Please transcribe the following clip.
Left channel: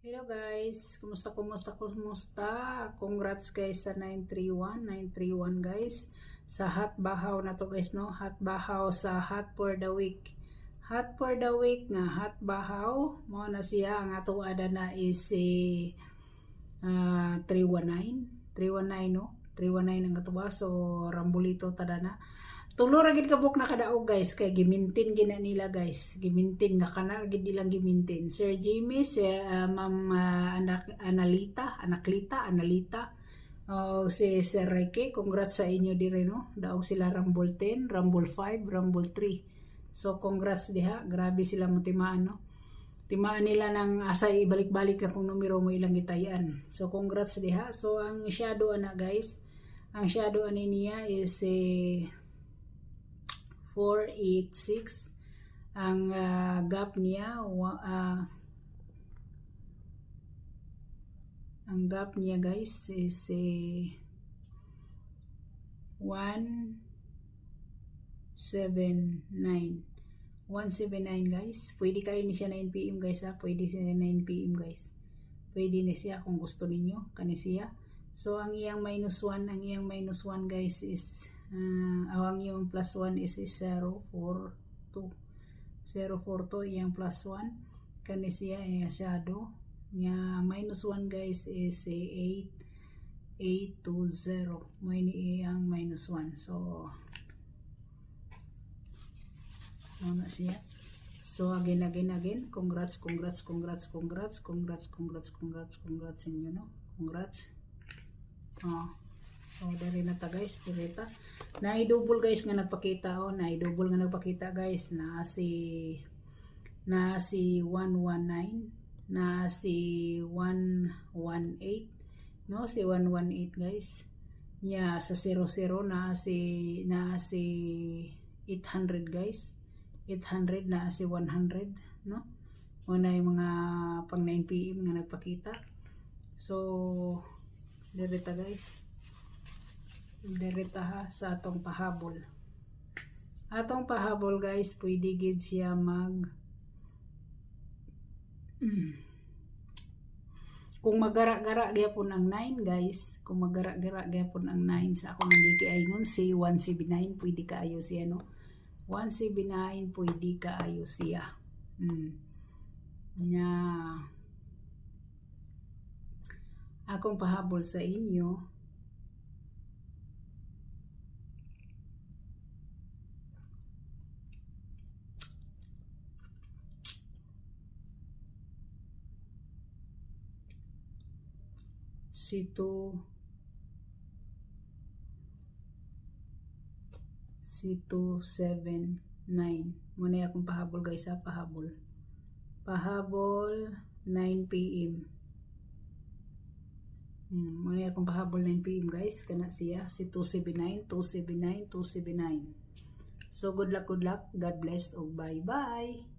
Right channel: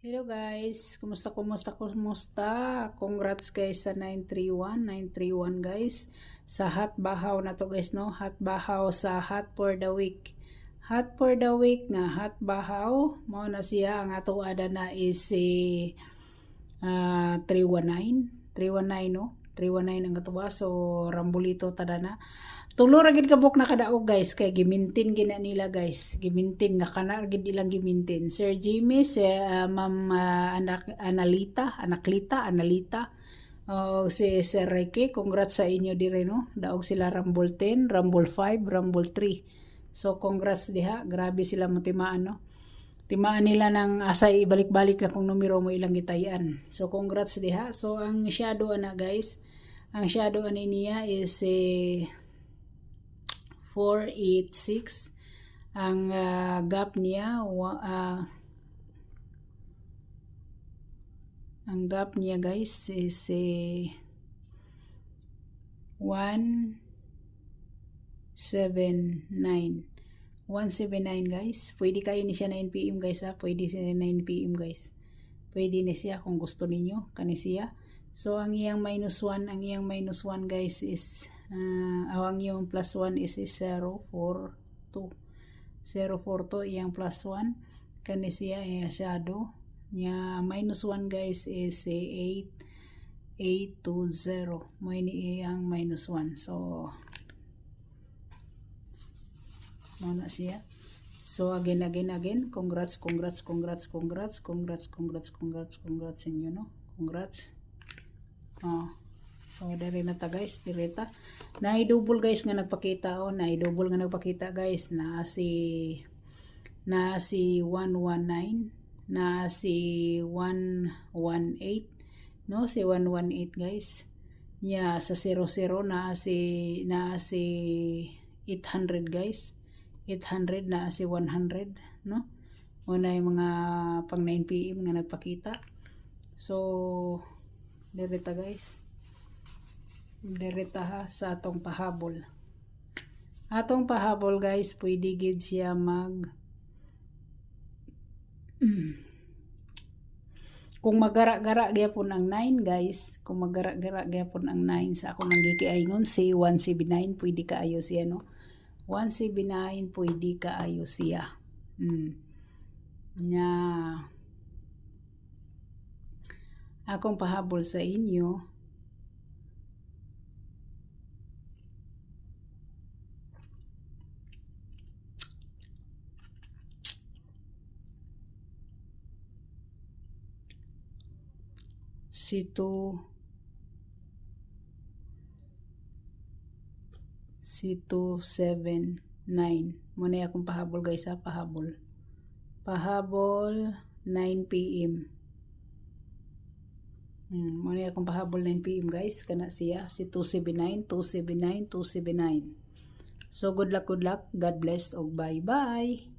Hello guys, kumusta? Congrats guys sa 931 guys. Sa hot bahaw na to guys no, hot bahaw sa hot for the week. Hot for the week nga hot bahaw, mao na siya ang ato ada na is 319 no. 319 ang katuwa, so rambulito tada na. Tulo ra gid kabuk na kadaog guys, kay gimintin gina nila guys. Gimintin nga kana gid ilang gimintin. Sir Jimmy, si Ma'am Analita, si Sir Reiki, congrats sa inyo dire no. Daog sila Rumble 10, Rumble 5, Rumble 3. So congrats diha, grabe sila mo timaan no. Timaan nila ng asay ibalik-balik na kung numero mo ilang gitayan. So congrats diha. So ang shadow ana guys, ang shadow ani niya is 486. Ang gap niya guys is 179 guys. Pwede kayo ni siya 9 PM guys ha. Pwede siya 9 PM guys. Pwede ni siya kung gusto ninyo kani siya. So ang iyang -1 guys is ang iyang +1 is 042. Iyang +1 kani siya shadow niya. -1 guys is 820. Mo ini iyang -1. So na siya. So again, congrats inyo no. Congrats. So diri na ta guys, direta. Na-double guys nga nagpakita guys na si 119, na si 118, no, si 118 guys. Yeah, sa 00 na si 800 guys. 800 na si 100 no. Una yung mga pang 9 PM nga nagpakita. So direta guys, direta ha sa atong pahabol guys. Pwede gid siya kung magara-gara gyapon ang 9 guys, kung magara-gara gyapon ang 9 sa ako nang gikiayngon si 179, pwede kaayo siya no. 179 pwede kaayo siya. Nya akong pahabol sa inyo si 279. Muna akong pahabol guys ha, pahabol 9 PM. Muna akong pahabol 9 PM guys, kana siya si 279. So good luck, God bless, og bye bye.